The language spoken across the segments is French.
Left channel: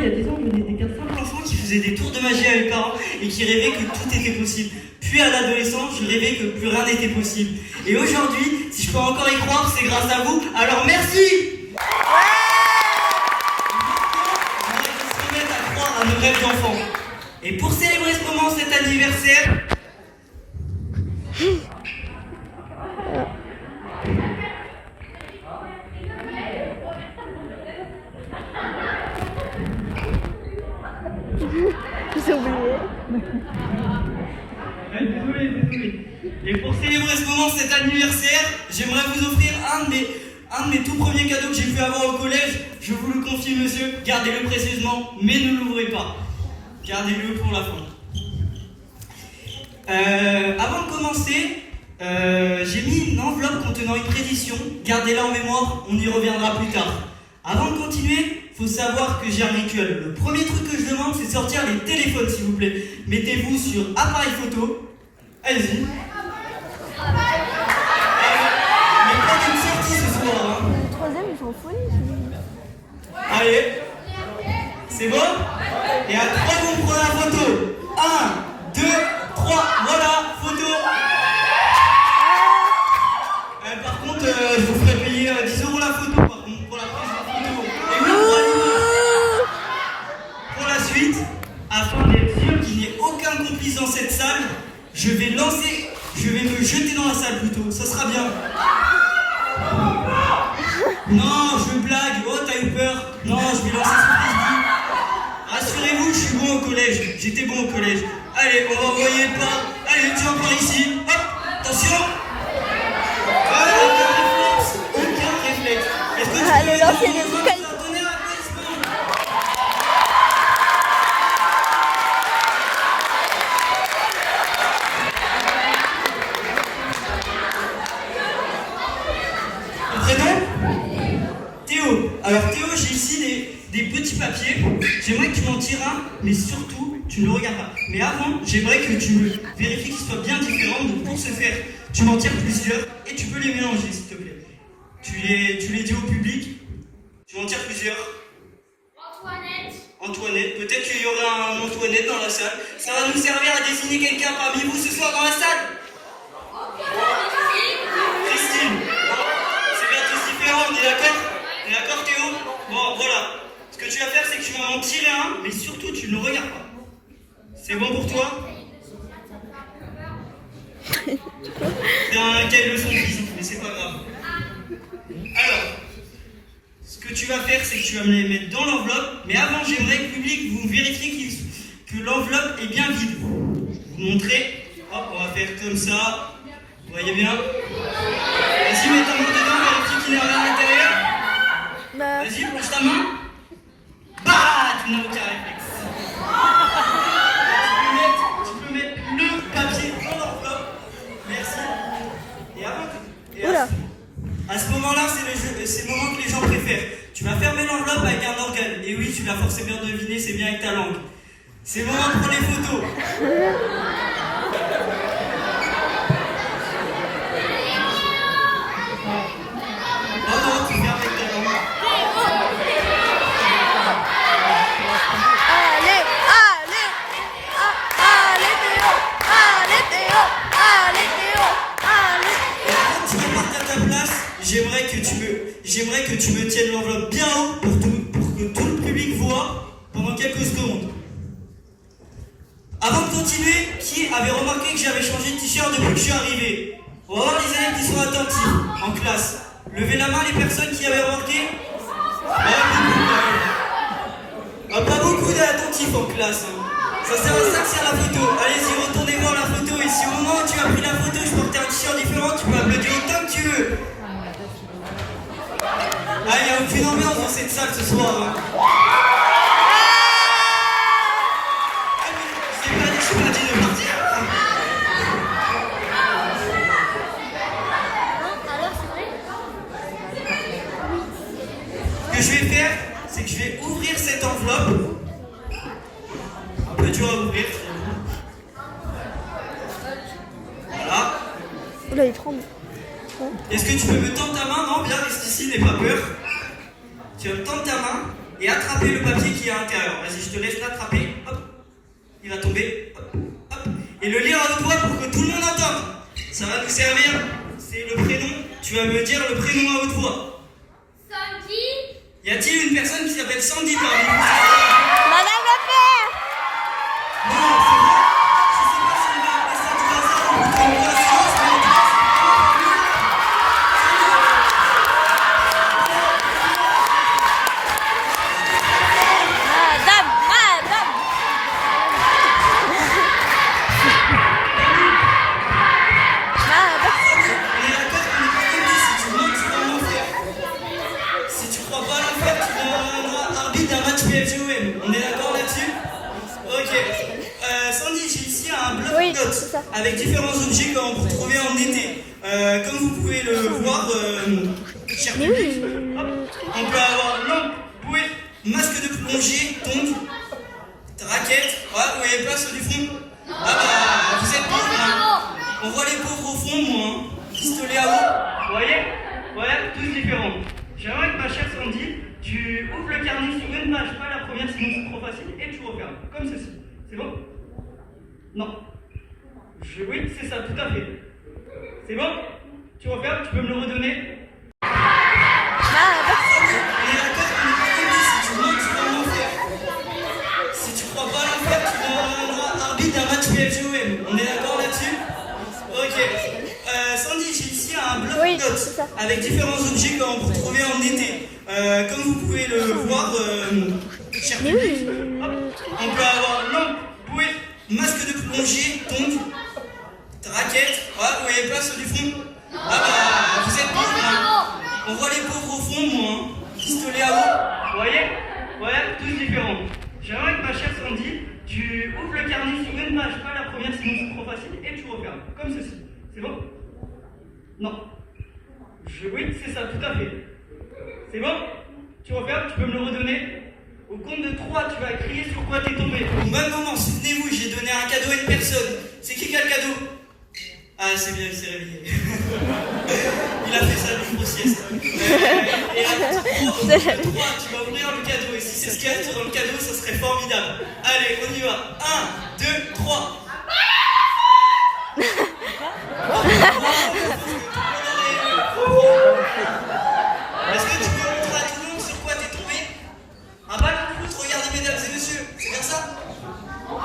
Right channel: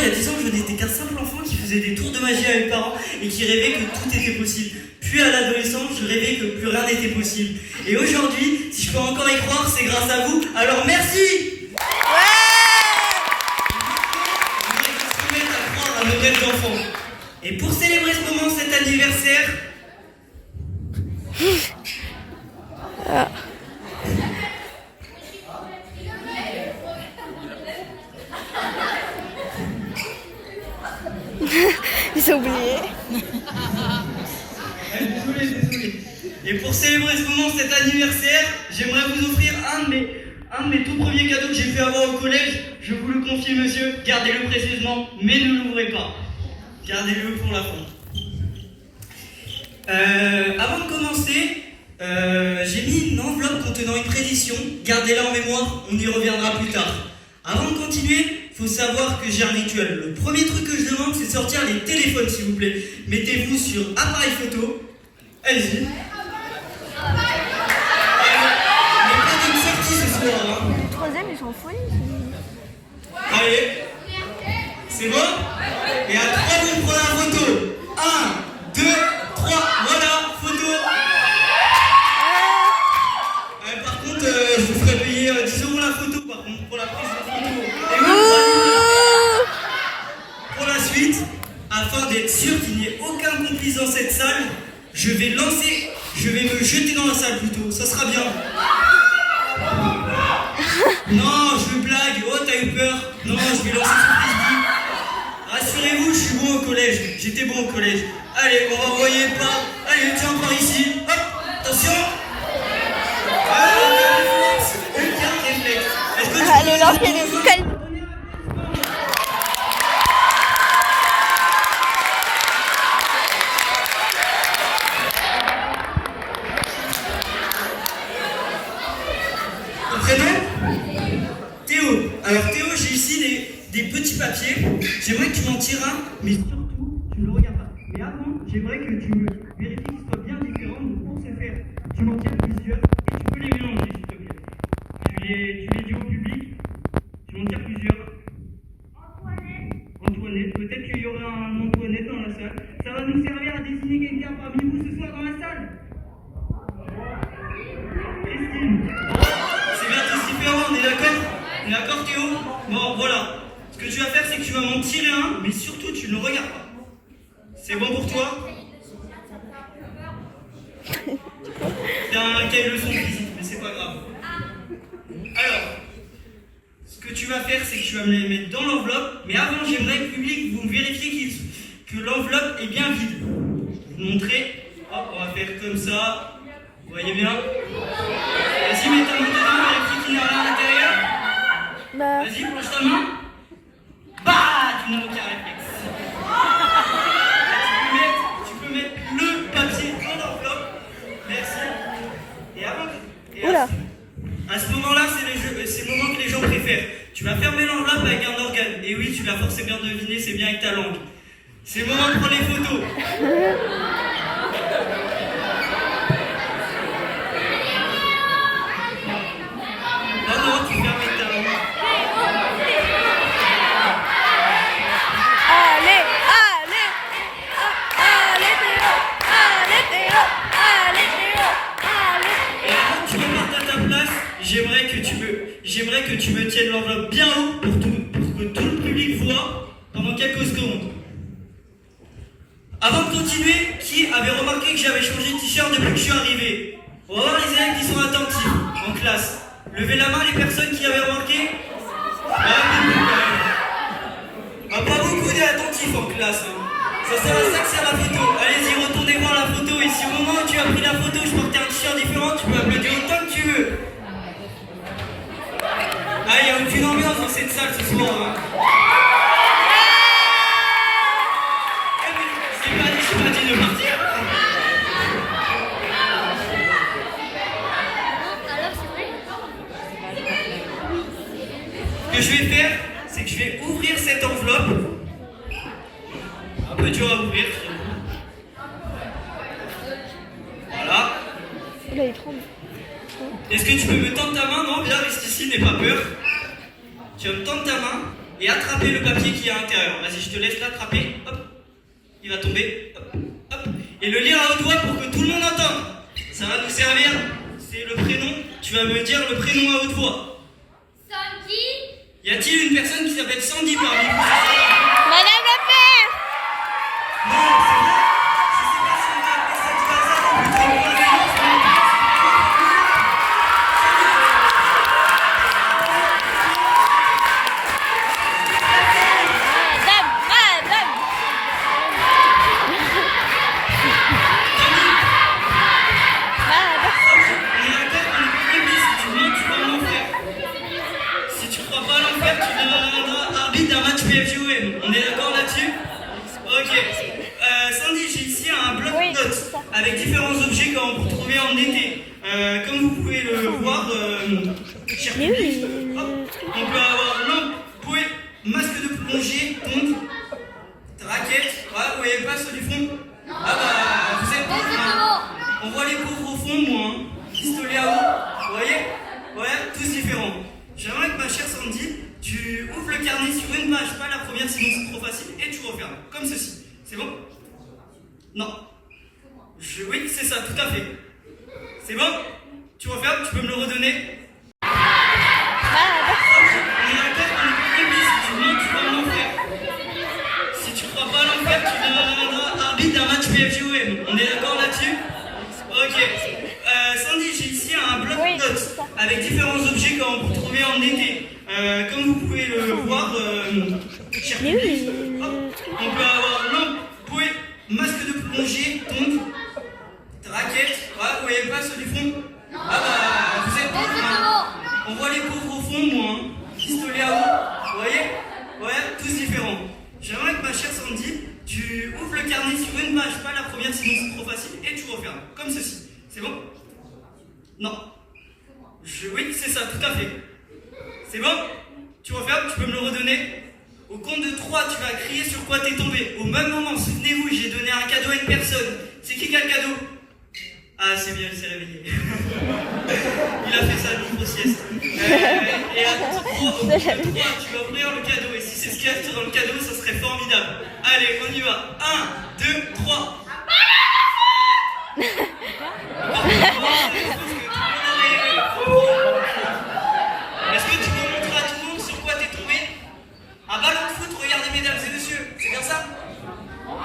il y a 10 ans, je n'étais qu'un simple enfant qui faisait des tours de magie avec mes parents et qui rêvait que tout était possible. Puis à l'adolescence, je rêvais que plus rien n'était possible. Et aujourd'hui, si je peux encore y croire, c'est grâce à vous. Alors merci! On va se remettre à croire à nos rêves d'enfants. Et pour célébrer ce moment, cet anniversaire, ils ont oublié. désolé. Et pour célébrer ce moment, cet anniversaire, j'aimerais vous offrir un de mes tout premiers cadeaux que j'ai fait avant au collège. Je vous le confie, monsieur, gardez-le précieusement, mais ne l'ouvrez pas. Gardez-le pour la fin. Avant de commencer, j'ai mis une enveloppe contenant une prédiction. Gardez-la en mémoire, on y reviendra plus tard. Avant de continuer, il faut savoir que j'ai un rituel. Le premier truc que je demande, c'est de sortir les téléphones, s'il vous plaît. Mettez-vous sur appareil photo. Allez-y. Mais pas d'une sortie ce soir. Hein. Le troisième, ils sont folie. Allez. C'est bon? Et à 3, vous prenez la photo. 1, 2, 3. Voilà, photo. Par contre, je vous ferai payer 10 € la photo, par contre, pour la prise de photo. Et même pour la suite, afin d'être sûr qu'il n'y ait aucun complice dans cette salle, je vais me jeter dans la salle plutôt, ça sera bien. Non, je blague, oh t'as eu peur. Non, je vais lancer sur Facebook. Rassurez-vous, je suis bon au collège, j'étais bon au collège. Allez, on va envoyer le pas. Allez, tiens encore ici. Hop, attention. Allez, lancez des écoles. Prénom? Théo. Alors Théo, j'ai ici des petits papiers. J'aimerais que tu m'en tires un, mais surtout, tu ne le regardes pas. Mais avant, j'aimerais que tu vérifies qu'ils soient bien différents. Donc pour ce faire, tu m'en tires plusieurs et tu peux les mélanger, s'il te plaît. Tu les dis au public. Tu m'en tires plusieurs. Antoinette. Peut-être qu'il y aura un Antoinette dans la salle. Ça va nous servir à désigner quelqu'un parmi vous ce soir dans la salle. Christine. C'est bien tous différents, on est d'accord? On est d'accord Théo? Bon, voilà. Ce que tu vas faire, c'est que tu vas m'en tirer un, mais surtout, tu ne le regardes pas. C'est bon pour toi? C'est un cahier leçon physique, mais c'est pas grave. Alors, ce que tu vas faire, c'est que tu vas me les mettre dans l'enveloppe, mais avant, j'aimerais que le public, vous vérifiez que l'enveloppe est bien vide. Je vais vous montrer. Hop, on va faire comme ça. Vous voyez bien? Vas-y, mets ta main dedans, vérifie qu'il n'y a rien à l'intérieur. Vas-y, plonge ta main. Bah, tu n'as aucun réflexe. Tu peux mettre le papier dans l'enveloppe. Merci. Et avant, à ce moment-là, c'est le moment que les gens préfèrent. Tu vas fermer l'enveloppe avec un organe. Et oui, tu l'as forcément deviné, c'est bien avec ta langue. C'est le moment de prendre les photos. Non, tu fermes avec ta langue. Allez, Théo. Allez, Théo. Et quand tu repartes à ta place, j'aimerais que tu me tiennes l'enveloppe bien haut pour que tout le public voit pendant quelques secondes. Avant de continuer, qui avait remarqué que j'avais changé de t-shirt depuis que je suis arrivé? On va voir les élèves qui sont attentifs en classe. Levez la main les personnes qui avaient remarqué. Pas beaucoup d'attentifs en classe. Hein. Ça sert à ça que c'est la photo. Allez-y, retournez voir la photo. Et si au moment où tu as pris la photo, je portais un t-shirt différent, tu peux applaudir tant que tu veux. Ah, il n'y a aucune ambiance dans cette salle ce soir. Hein. Je t'ai pas dit de partir. Ce que je vais faire, c'est que je vais ouvrir cette enveloppe. Un peu dur à ouvrir. Voilà. Là, il tremble. Est-ce que tu peux me tendre ta main? Non, bien, reste ici, n'aie pas peur. Tu vas me tendre ta main et attraper le papier qui est à l'intérieur. Vas-y, je te laisse l'attraper. Hop, il va tomber. Hop, hop. Et le lire à haute voix pour que tout le monde entende. Ça va nous servir. C'est le prénom. Tu vas me dire le prénom à haute voix. Sandy. Y a-t-il une personne qui s'appelle Sandy parmi vous? Madame la père. Non, c'est vrai. Je sais pas si on va appeler ça du hasard ou plutôt une coïncidence, mais Madame. Madame. on est d'accord qu'on est complices. Si tu montes, tu vas en enfer. Si tu crois pas à l'enfer, tu deviendras arbitre d'un match PFGOM. On est d'accord là-dessus? Ok. Sandy, j'ai ici un bloc Oui, de c'est notes ça. avec différents objets qu'on peut retrouver en été. Comme vous pouvez le voir, cher Mais public, oui, hop, on peut avoir lampe, bouée, masque de plongée, tongs, raquette. Ouais, vous voyez pas ceux du fond? Ah bah, vous êtes pauvres, hein. On voit les pauvres au fond, moi. Hein. Pistolet à eau, vous voyez? Voilà, tous différents. J'aimerais que ma chère Sandy, tu ouvres le carnet sur une page, pas la première sinon c'est trop facile, et tu refermes, comme ceci. C'est bon? Non. Oui, c'est ça, tout à fait. C'est bon? Tu refermes, tu peux me le redonner? Madame. On est d'accord qu'on est complices. Si tu montes, tu vas en enfer. Si tu crois pas à l'enfer, tu deviendras arbitre d'un match PFGOM. On est d'accord là-dessus? Ok. Sandy, j'ai ici un bloc Oui, de notes c'est ça. avec différents objets qu'on peut retrouver en été. Comme vous pouvez le voir, cher Mais public, oui, hop, on peut avoir lampe, bouée, masque de plongée, tongs, raquette. Ouais, vous voyez pas ceux du fond? Ah bah, vous êtes pauvres, hein. On voit les pauvres au fond, moi. Hein. Pistolet à eau, vous voyez? Ouais, tous différents. J'aimerais que ma chère Sandy, tu ouvres le carnet sur une page, pas la première sinon c'est trop facile, et tu refermes, comme ceci. C'est bon? Non. Oui, c'est ça, tout à fait. C'est bon? Tu refermes, tu peux me le redonner? Au compte de 3, tu vas crier sur quoi t'es tombé. Au même moment, souvenez-vous, j'ai donné un cadeau à une personne. C'est qui a le cadeau? Ah, c'est bien, il s'est réveillé. Il a fait ça le jour de sieste. Et à 3, tu vas ouvrir le cadeau. Et si c'est ce qu'il y a dans le cadeau, ça serait formidable. Allez, on y va. 1, 2, 3. Est-ce que tu peux montrer à tout le monde sur quoi t'es tombé? Un ballon de foot, regardez mesdames et messieurs, c'est bien ça? Non,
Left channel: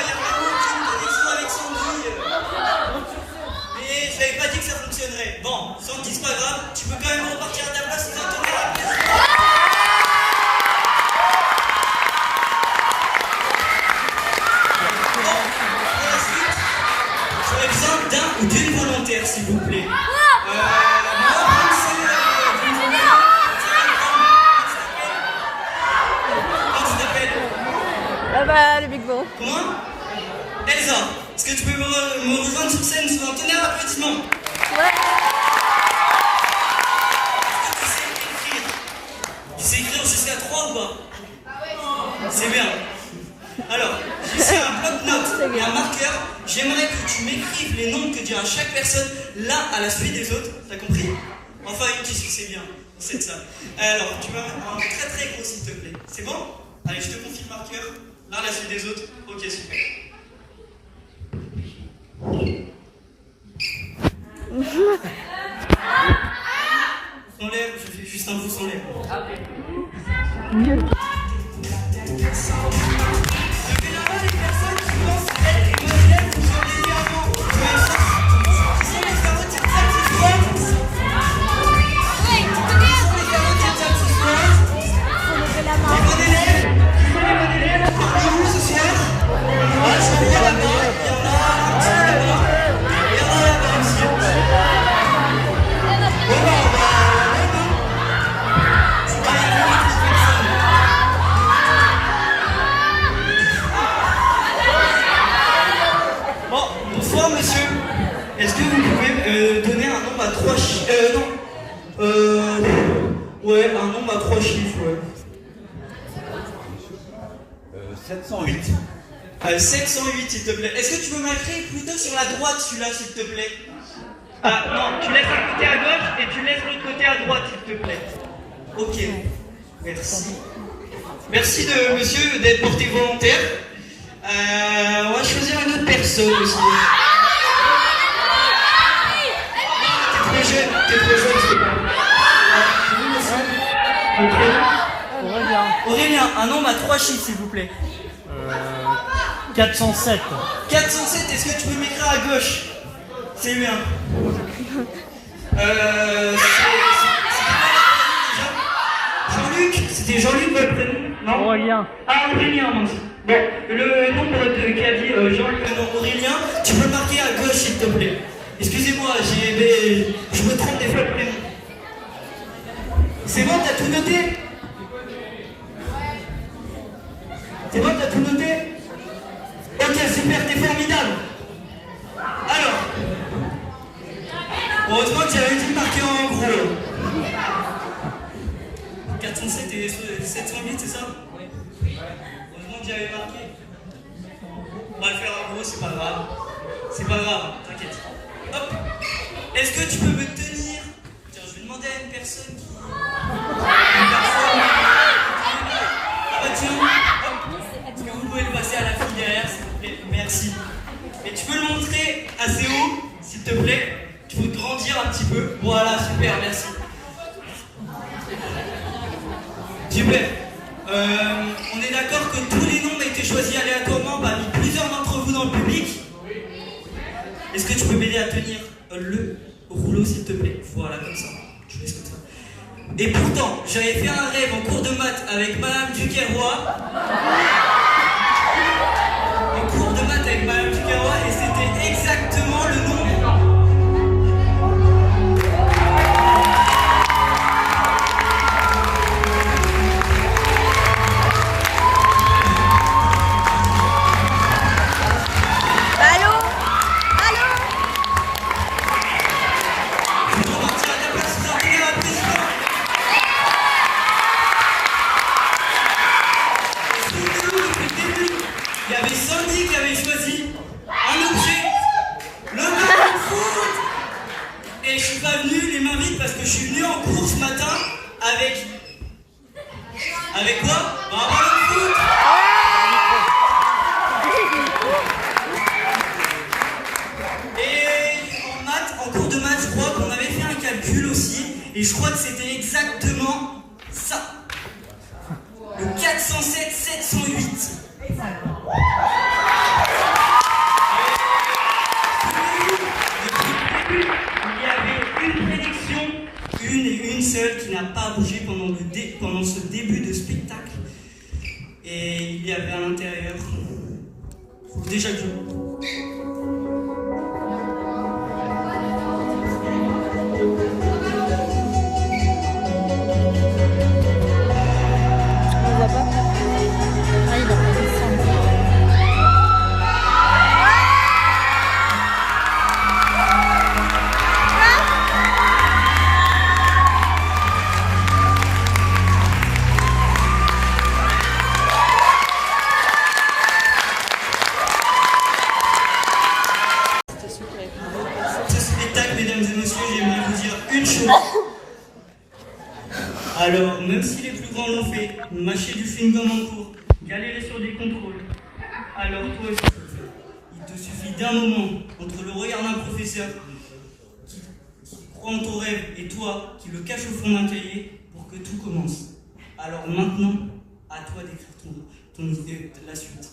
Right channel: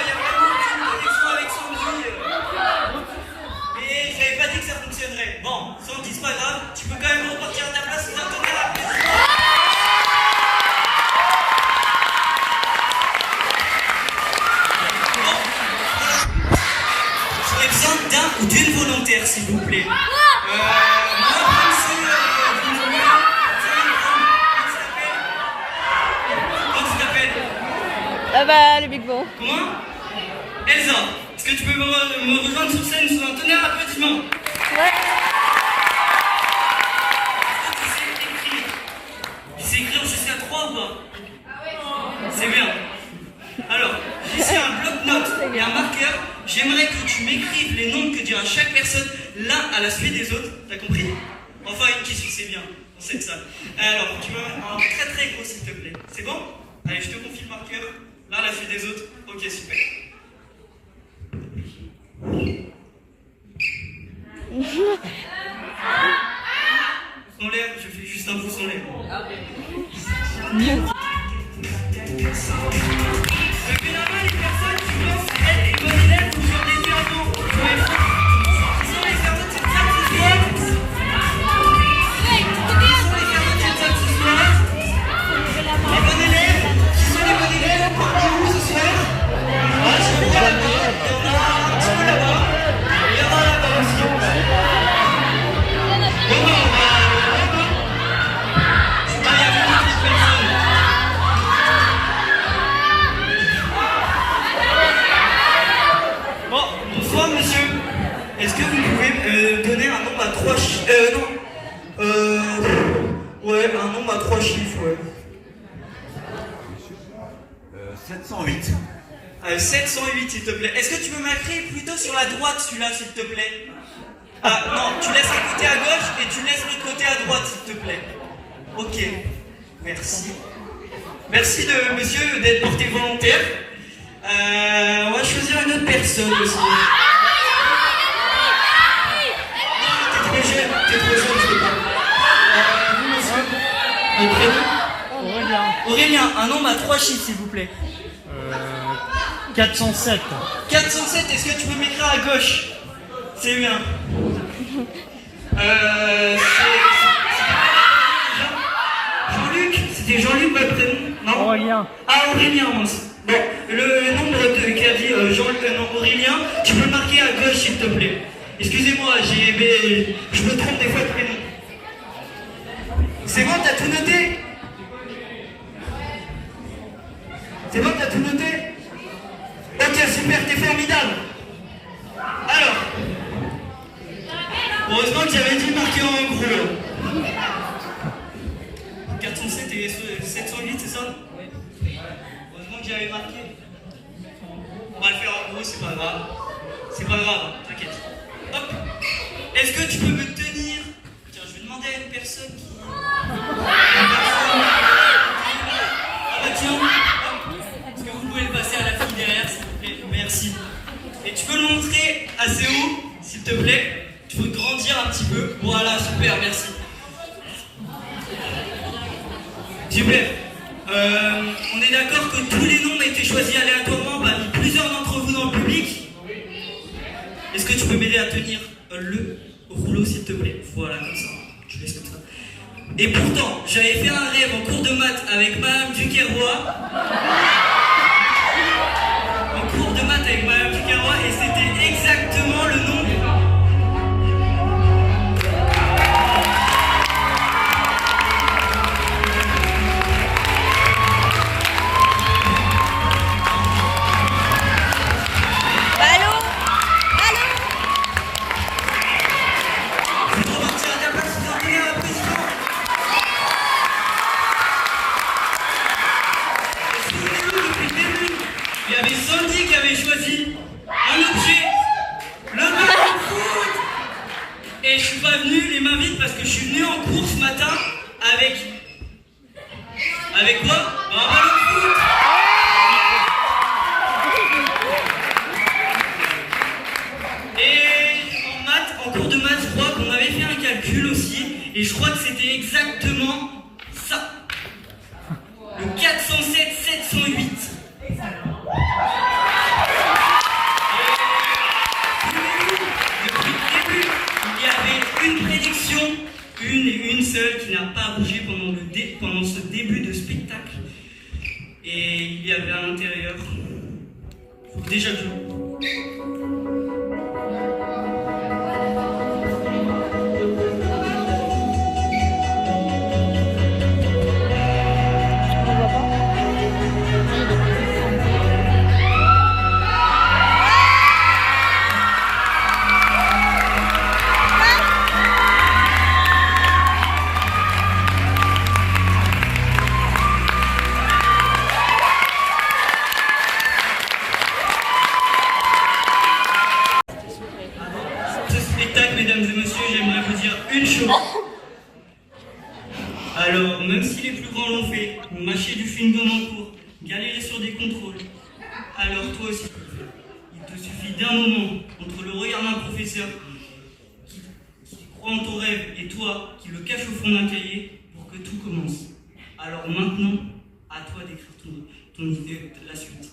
il n'y a vraiment aucune connexion avec Sandy. Mais je n'avais pas dit que ça fonctionnerait. Bon, Sandy, c'est pas grave, tu peux quand même repartir à ta place sans attendre la plaisir. Bon, pour la suite, j'aurais besoin d'un ou d'une volontaire, s'il vous plaît. Ah bah, le Big Bang. Comment? Elsa, est-ce que tu peux me rejoindre sur scène sous un tonnerre d'applaudissements? Ouais. Est-ce que tu sais écrire? Tu sais écrire jusqu'à 3 ou pas? C'est bien. Alors, j'ai ici un bloc-notes et un marqueur. J'aimerais que tu m'écrives les noms que dira chaque personne l'un à la suite des autres. T'as compris? Enfin, une question, c'est bien. On sait de ça. Alors, tu vois, un très très gros s'il te plaît. C'est bon? Allez, je te confie le marqueur. Là, à la suite des autres. Ok, super. Sans l'air, je fais juste un pouce en l'air. Mieux. Les personnes qui pensent être des bons élèves ou sur des yeux en haut. Qui sont les carottes exceptionnelles? Les carottes exceptionnelles? Les bons élèves? Qui sont les bons élèves? Parmi vous ce soir? Ah, je vais y aller là-bas. Il y en a un petit peu là-bas. Il y en a là-bas aussi. Bon, non, c'est pas rien de toute personne. Bon, bonsoir monsieur. Est-ce que vous pouvez donner un nombre à 3 chiffres? Ouais, un nombre à 3 chiffres, ouais. 708. 708 s'il te plaît. Est-ce que tu peux m'écrire plutôt sur la droite celui-là s'il te plaît? Ah non, tu laisses un côté à gauche et tu laisses l'autre côté à droite s'il te plaît. Ok. Merci. Merci de monsieur d'être porté volontaire. On va choisir une autre personne aussi. T'es trop jeune, je sais pas. Vous, monsieur, votre prénom? Aurélien. Aurélien, un nombre à 3 chiffres, s'il vous plaît. 407. 407, est-ce que tu peux m'écrire à gauche? C'est bien. Jean-Luc, c'était Jean-Luc votre prénom? Non? Aurélien. Ah, Aurélien, mince. Bon, le nombre qu'a dit Aurélien, tu peux le marquer à gauche, s'il te plaît. Excusez-moi, je me trompe des fois de prénom. C'est bon, t'as tout noté? C'est bon, t'as tout noté? Ok, super, t'es formidable. Alors, heureusement que j'avais dit marquer en gros. 407 et 708, c'est ça? Oui. Heureusement que j'avais marqué. On va le faire en gros, c'est pas grave. C'est pas grave, t'inquiète. Hop. Est-ce que tu peux me tenir? Tiens, je vais demander à une personne qui... Ah bah tiens, hop. Est-ce que vous pouvez le passer à la fille derrière, s'il vous plaît? Merci. Et tu peux le montrer assez haut, s'il te plaît? Il faut grandir un petit peu. Voilà, super, merci. Super. On est d'accord que tous les noms ont été choisis aléatoirement parmi plusieurs d'entre vous dans le public? Est-ce que tu peux m'aider à tenir le rouleau, s'il te plaît? Voilà, comme ça. Je laisse comme ça. Et pourtant, j'avais fait un rêve en cours de maths avec Madame Duquerroy. En cours de maths avec Madame Duquerroy, et c'était exactement le nom. Allô? Allô? Il y avait Sandy qui avait choisi un objet, le ballon de foot. Et je suis pas venu les mains vides parce que je suis venu en cours ce matin avec... Avec quoi? Un ballon de foot. Et en maths, en cours de maths, je crois qu'on avait fait un calcul aussi. Et je crois que c'était exactement ça. Le 407 708. Il y avait une prédiction, une et une seule, qui n'a pas bougé pendant ce début de spectacle. Et il y avait à l'intérieur, déjà vu. On voit pas? Ce spectacle, mesdames et messieurs, j'aimerais vous dire une chose. Alors, même si les plus grands l'ont fait, mâcher du chewing-gum en cours, galérer sur des contrôles, alors toi aussi, il te suffit d'un moment entre le regard d'un professeur qui croit en ton rêve et toi qui le cache au fond d'un cahier pour que tout commence. Alors maintenant, à toi d'écrire ton idée, la suite.